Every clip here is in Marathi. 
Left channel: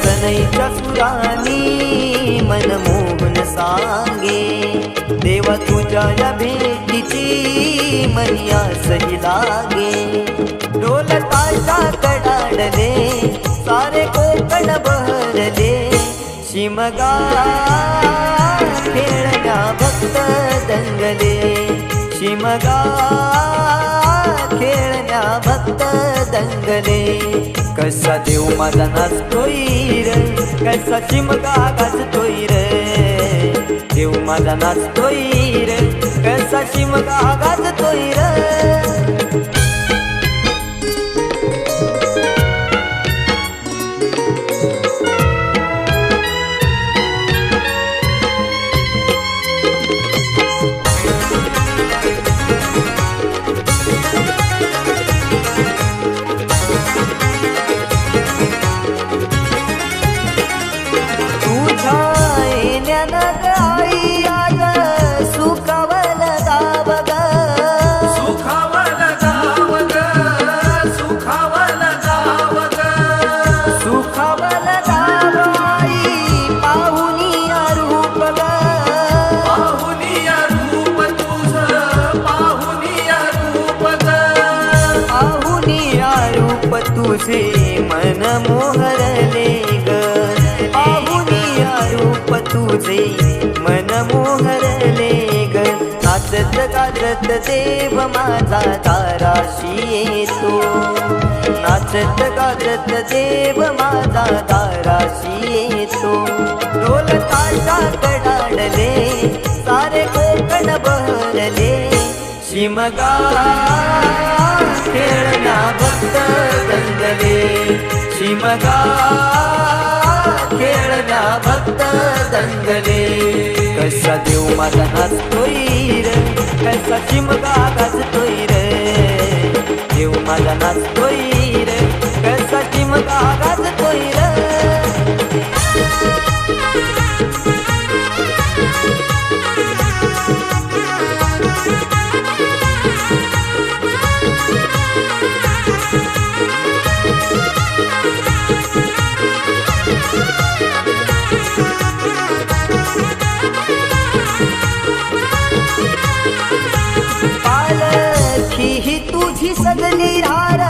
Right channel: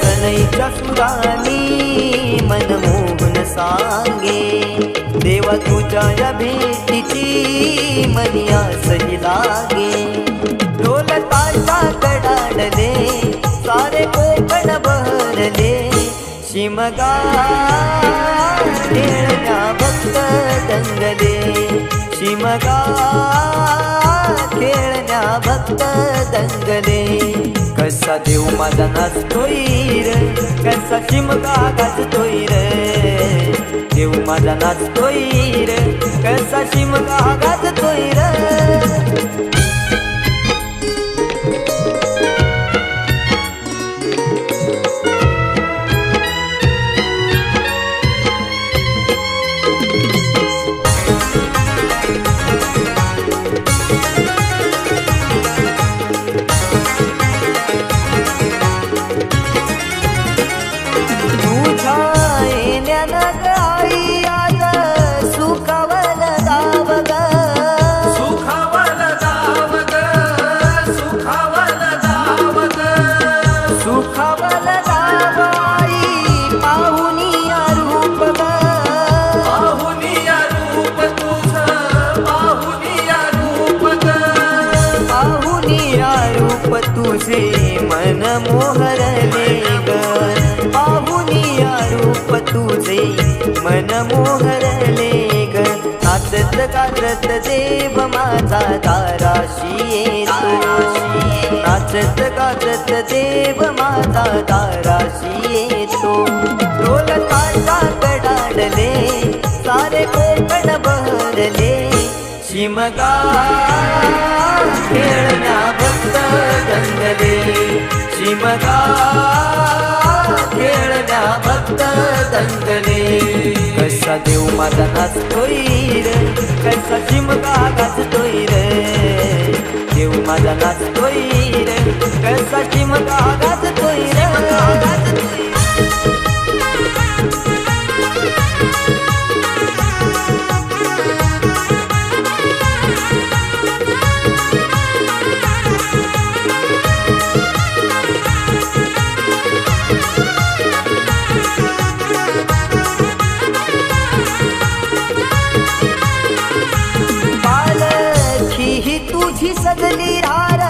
सनईच्या सुरानी मनमोहन सांगे, देवा तुझ्या या भेटीची मनी आसही लागे. ढोल ताशा कडाडले सारे कोकण बहरले, शिमगा खेळण्या भक्त दंगले. शिमगा खेळण्या भक्त दंगले. कसा देव माझा नाचतोय र, कसा शिमगा गाजतोय र. देव माझा नाचतोय र, कसा शिमगा गाजतोय र. आई आज सुखावल दाव ग, सुखावल दाव ग, सुखावल दाव ग. सुखावल दाव आई पाहुनिया रूप ग. पाहुनिया रूप तुझ, पाहुनिया रूप ग. पाहुनिया रूप तुझे मन मोहरले ग. पाहुनिया रूप तुझे मन मोहरले ग. नाचत गाजत देव माझा दाराशी येतो. नाचत गाजत देव माझा दाराशी येतो. ढोल ताशा कडाडले सारे कोकण बहरले, शिमगा खेळण्या भक्त दंगले. शिमगा खेळण्या भक्त दंगले. कसा देव माझा नाचतोय र, कसा शिमगा गाजतोय र. देव माझा नाचतोय र, कसा शिमगा गाजतोय र. ही तुझी सजली हार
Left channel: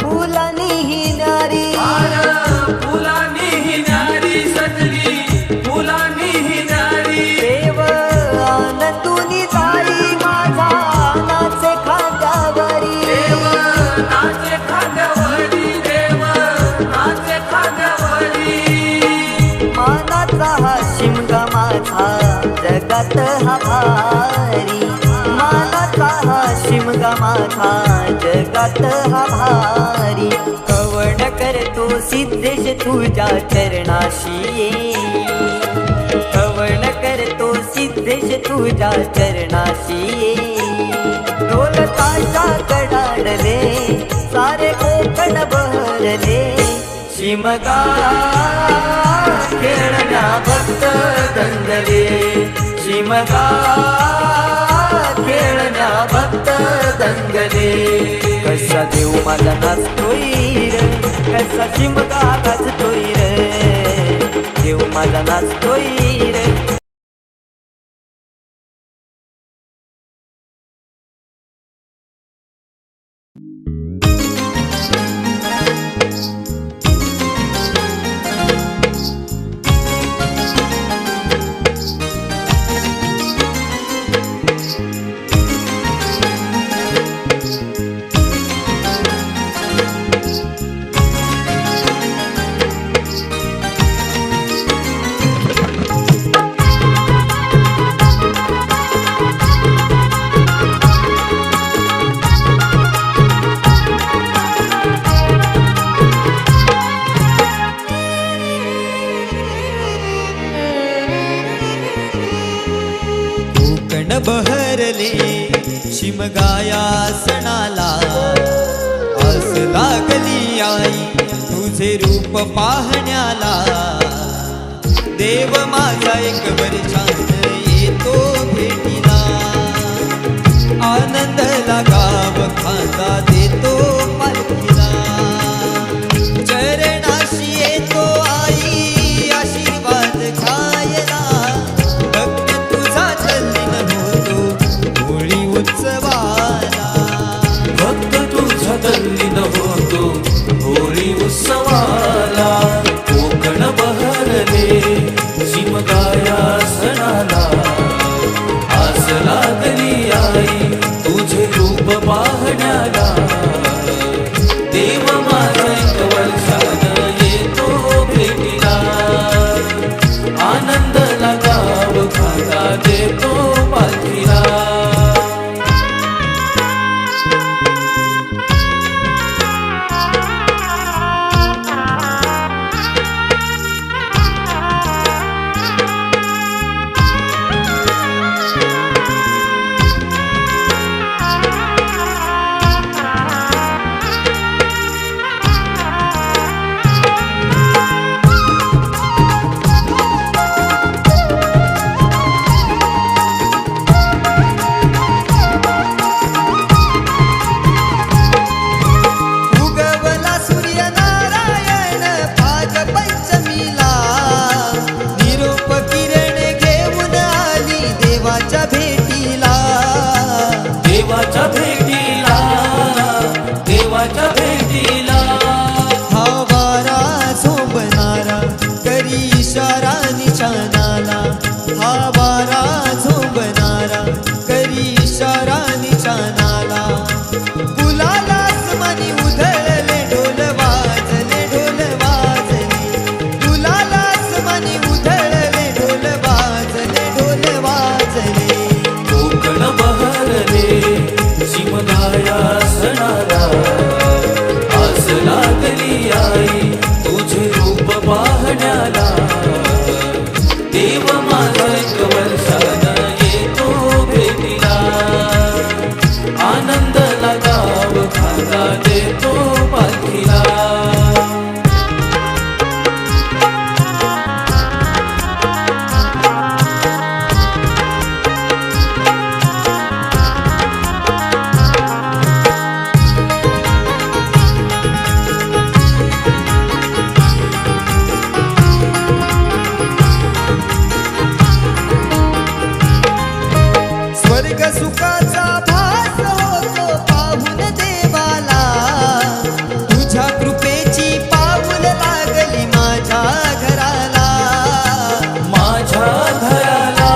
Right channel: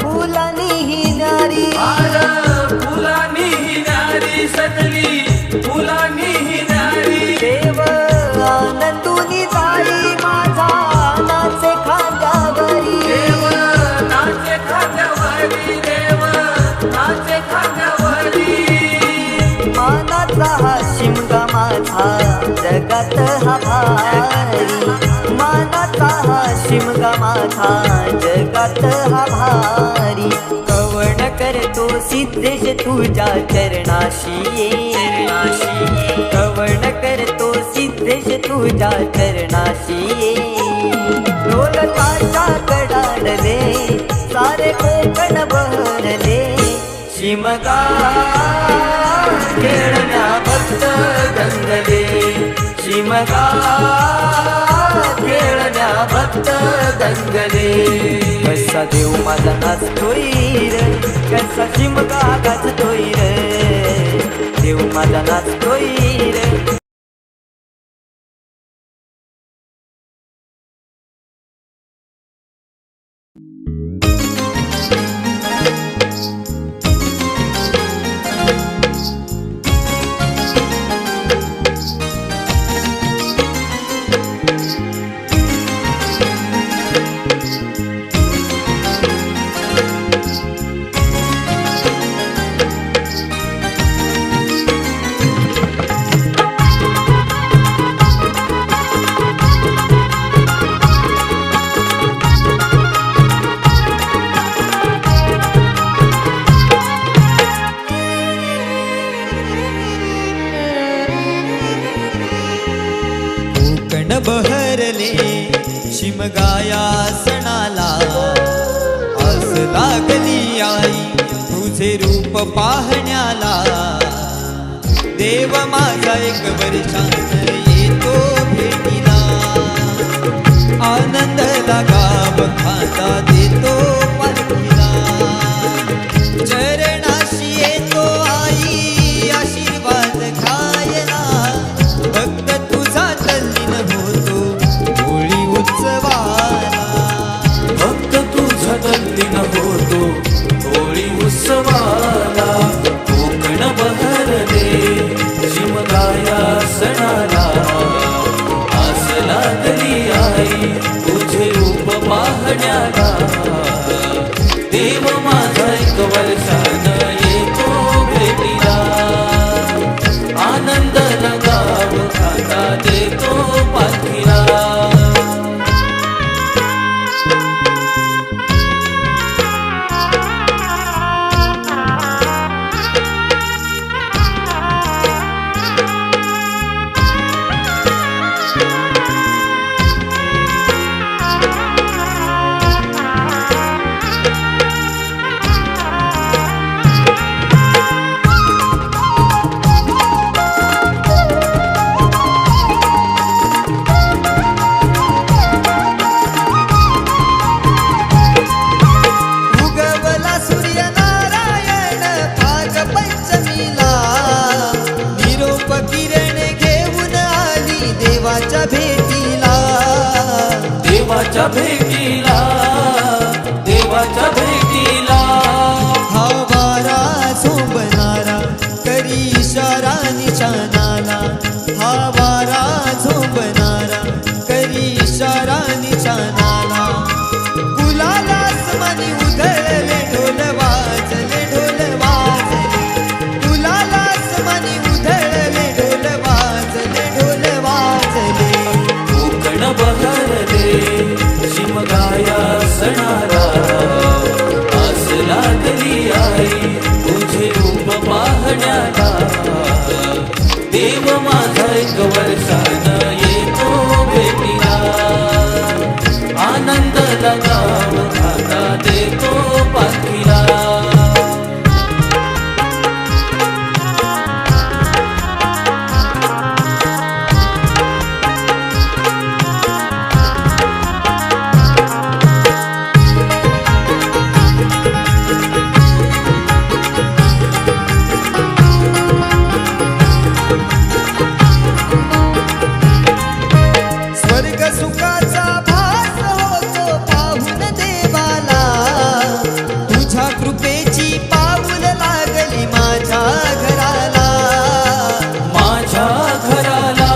फुलानी ही नारी. हार फुलानी ही नारी सजली, फुलानी ही नारी. देव आनंदुनी जाई माझा नाचे खांद्यावरी. देव नाचे खांद्यावरी, देव नाचे खांद्यावरी. मानाचा हा शिमगा माझा जगात हा भारी. मानाचा हा शिमगा माझा जगात हा भारी. कवण करतो सिद्धेश तुझ्या चरणाशी ये. कवण करतो सिद्धेश तुझ्या चरणाशी ये. ढोल ताशा कडाडले सारे कोकण बहरले, शिमगा खेळण्या भक्त दंगले. शिमगा खेळण्या भक्त दंगले. कसा देव माझा नाचतोय र, कसा शिमगा गाजतोय र. देव माझा नाचतोय र. कोकण बहरले शिमगाया सणाला आस लागली आई तुझे रूप पाहण्याला देव माझा एक वर्षान येतो भेटीला आनंद गाव खाता देतो पालखीला चरणाशी येतो आई आशीर्वाद खायला भक्त तुझा तल्लीन होतो होळी उत्सवाला भक्त तुझा तल्लीन होतो होळी उत्सवाला कोकण बहरले शिमगाया सणाला आस लागली आई तुझे रूप पाहण्याला देव माझा एक वर्षानं येतो भेटीला आनंदाला गाव खाता देतो पालखीला उगवला सूर्यनारायण भाग पंचमीला निरोप किरण घेऊन आली देवाच्या भेटीला देवाच्या भेटीला देवाच्या भेटीला हा वारा झोंबणारा करी इशारा निशाणाला हा वारा झोंबणारा करी इशारा निशाणाला गुलाला आसमानी उधळले ढोल वाजले गुलाला आसमानी उधळले ढोल वाजले कोकण बहरले शिमगाया सणाला आस लागली आई तुझे रूप पाहण्याला देव माझा एक वर्षानं येतो भेटीला आनंदाला गाव खाता देतो पालखीला स्वर्ग सुखाचा भास होतो पाहून देवाला तुझ्या कृपेची पाऊल लागली माझ्या घराला माझ्या घराला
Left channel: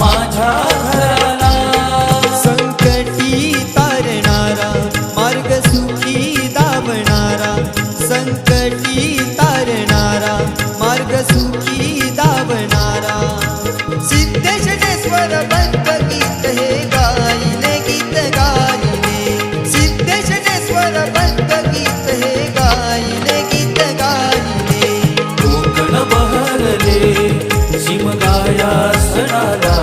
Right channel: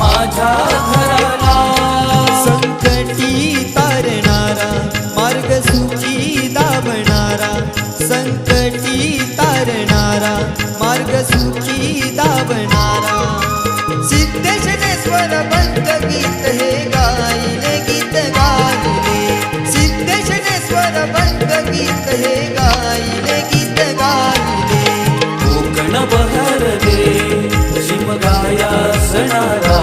माझ्या घराला संकटी तारणारा मार्ग सुखी दावणारा संकटी तारणारा मार्ग सुखी दावणारा सिद्धेशनेश्वर बंद गीत हे गायले सिद्धेशनेश्वर बंद गीत हे गायले कोकण बहरले शिमगाया सणाला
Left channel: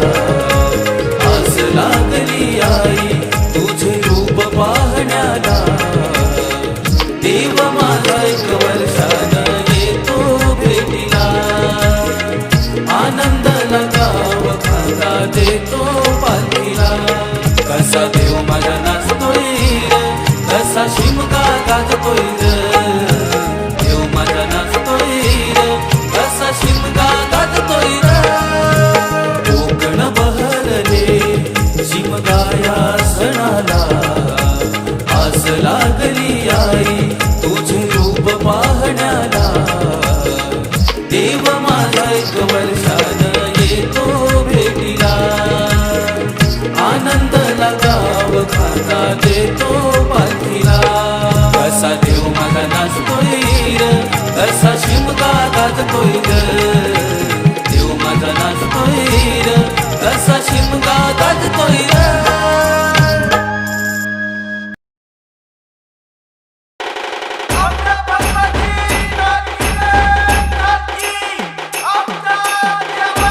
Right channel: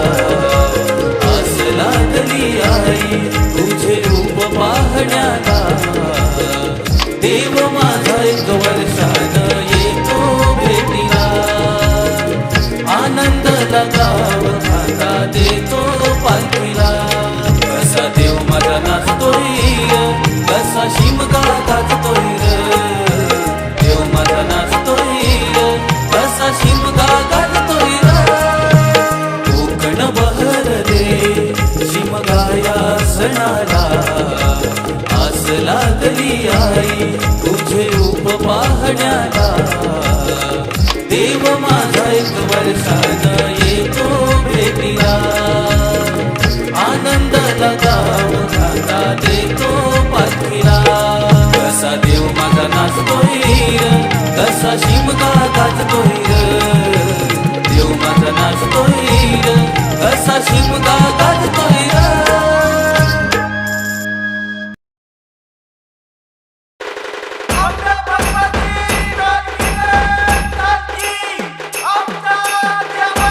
आस लागली आई तुझे रूप पाहण्याला देव माझा एक वर्षानं येतो भेटीला आनंदाला गाव खाता देतो पालखीला असा देव माझा नाचतोय असा शिमगा गाजतोय देव माझा नाचतोय असा शिमगा गाजतोय कोकण बहरले शिमगाया सणाला आस लागली आई तुझे रूप पाहण्याला देव माझा एक वर्षानं येतो भेटीला आनंदाला गाव खाता देतो पालखीला कसा देव माझा नाचतोय कसा शिमगा गाजतोय देव माझा नाचतोय कसा शिमगा गाजतोय आपल्या भगवाची नाटकी आमच्या देवा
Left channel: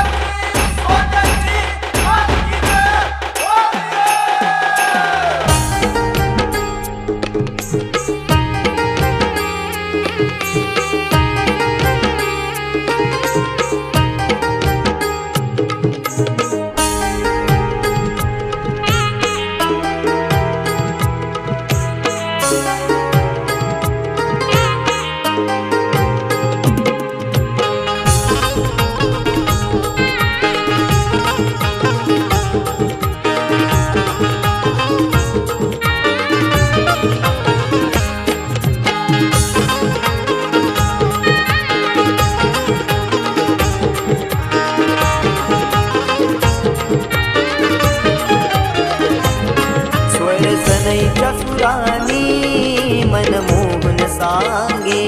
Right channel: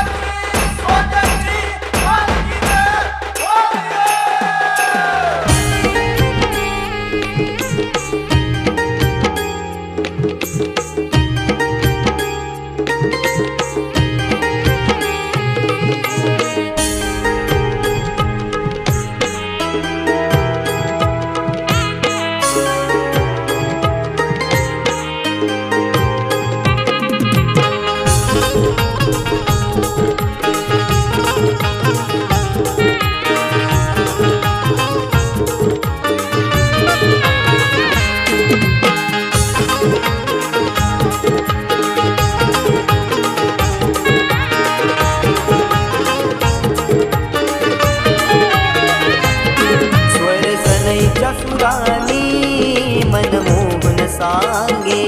सनईच्या सुरानी मनमोहन सांगे,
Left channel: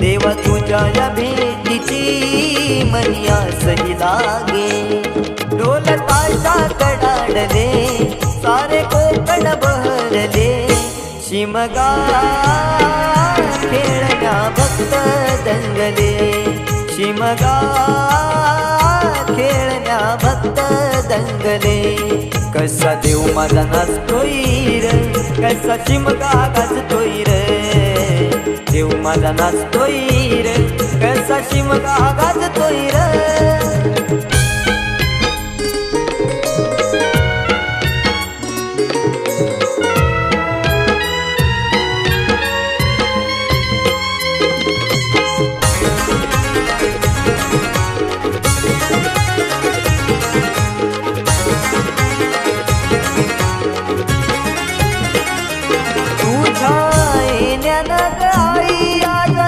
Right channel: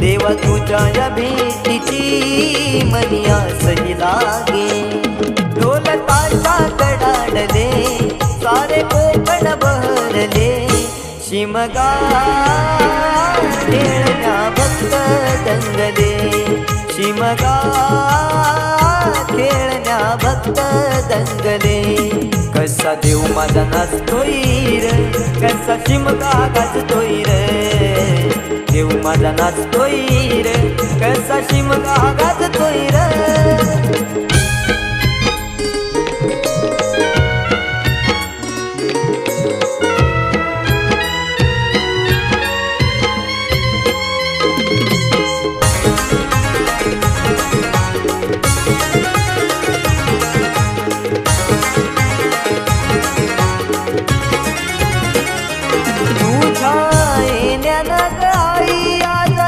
देवा तुझ्या या भेटीची मनिया सही लागे. ढोल ताशा कडाडले सारे कोकण बहरले, शिमगा खेळण्या भक्त दंगले, शिमगा खेळण्या भक्त दंगले. कसा देव माझा नाचतोय र, कसा शिमगा गाजतोय र, देव माझा नाचतोय र, कसा शिमगा गाजतोय र. आई आज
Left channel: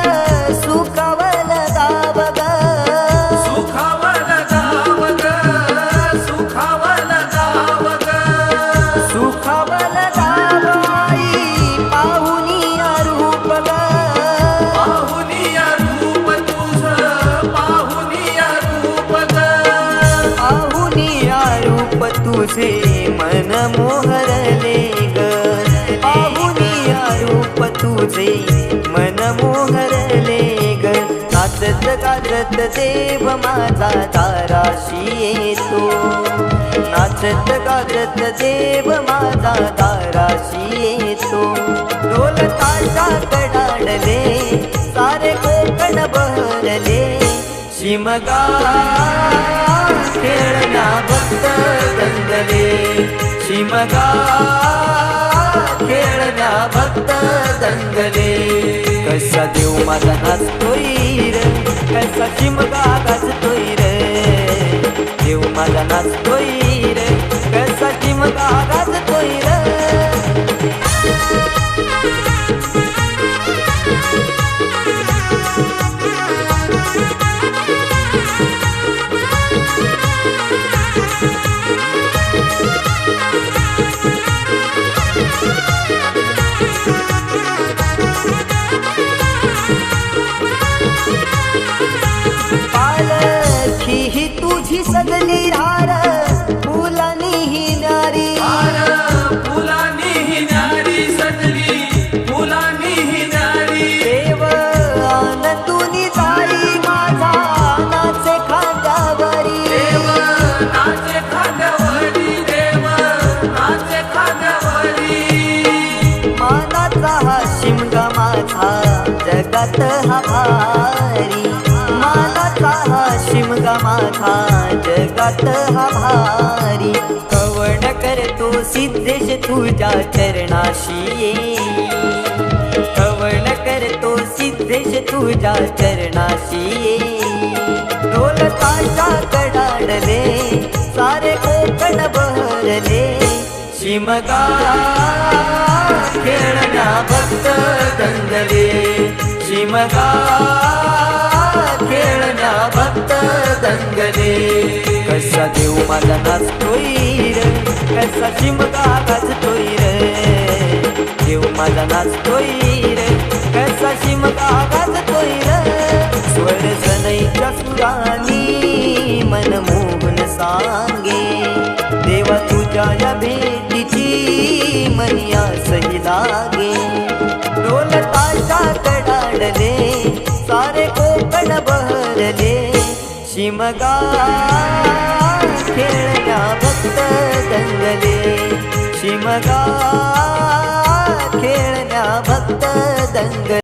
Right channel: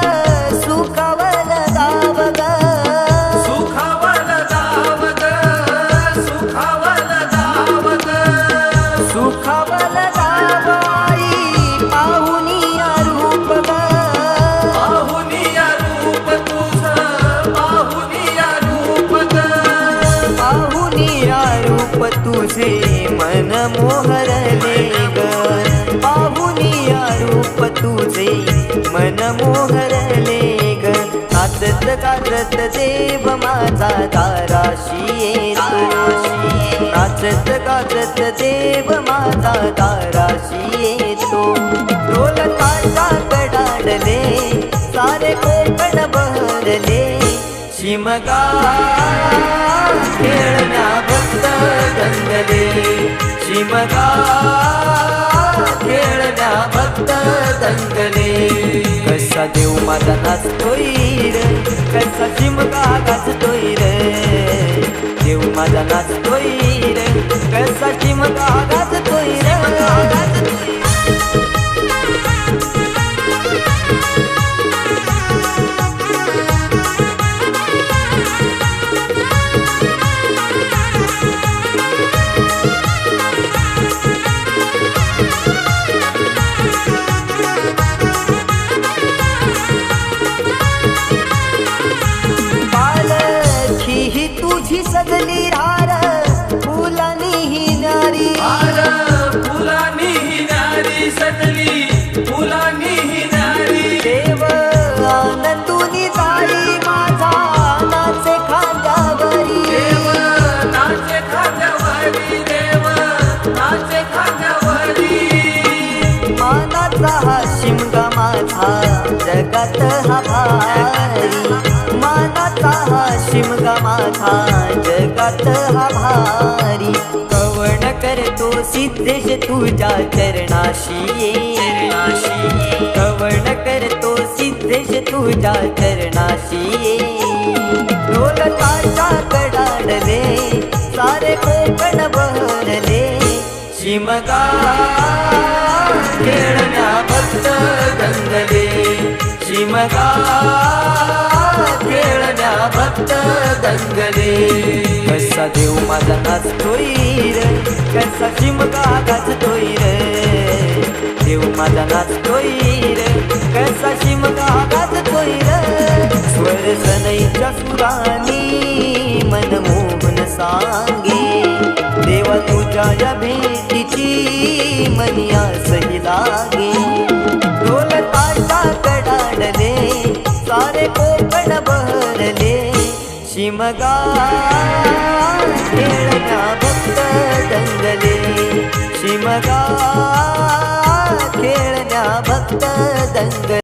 सुखावल गाव ग, सुखावल गाव ग, सुखावल गाव ग, सुखावल गाव आई पाहुनिया रूप ग, पाहुनिया रूप तुझ, पाहुनिया रूप ग, पाहुनिया रूप तुझे मन मोहरले ग, पाहुनिया रूप तुझे मन मोहरले ग. नाचत गाजत देव माझा दाराशी येतो, नाचत गाजत देव माझा दाराशी येतो. ढोल ताशा कडाडले सारे कोकण बहरले, शिमगा खेळण्या भक्त दंगले, शिमगा खेळण्या भक्त दंगले. कसा देव माझा नाचतोय र, कसा शिमगा गाजतोय र, देव माझा नाचतोय र, कसा शिमगा गाजतोय र. पालखी ही तुझी सजली रार, फुलानी ही नारी, फुलानी ही नारी सजली, फुलानी ही नारी. देव आनंदुनी जाई माझा नाचे खांद्यावरी, देव नाचे खांद्यावरी, देव नाचे खांद्यावरी. मानाचा हा शिमगा माझा जगात हा भारी, मानाचा हा शिमगा माझा जगात हा भारी. कवण करतो सिद्धेश तुझ्या चरणाशी ये, कवण करतो सिद्धेश तुझ्या चरणाशी ये. ढोल ताशा कडाडले सारे कोकण बहरले, शिमगा खेळण्या भक्त दंगले, शिमगा खेळण्या भक्त दंगले. कसा देव माझा नाचतोय र, कसा शिमगा गाजतोय र, देव माझा नाचतोय र, कसा शिमगा गाजतोय र. स्वर सनईच्या सुरानी मनमोहन सांगे, देवा तुझ्या या भेटीची मनिया सही लागे. ढोल ताशा कडाडले सारे कोकण बहरले, शिमगा खेळण्या भक्त दंगले, शिमगा खेळण्या भक्त दंगले.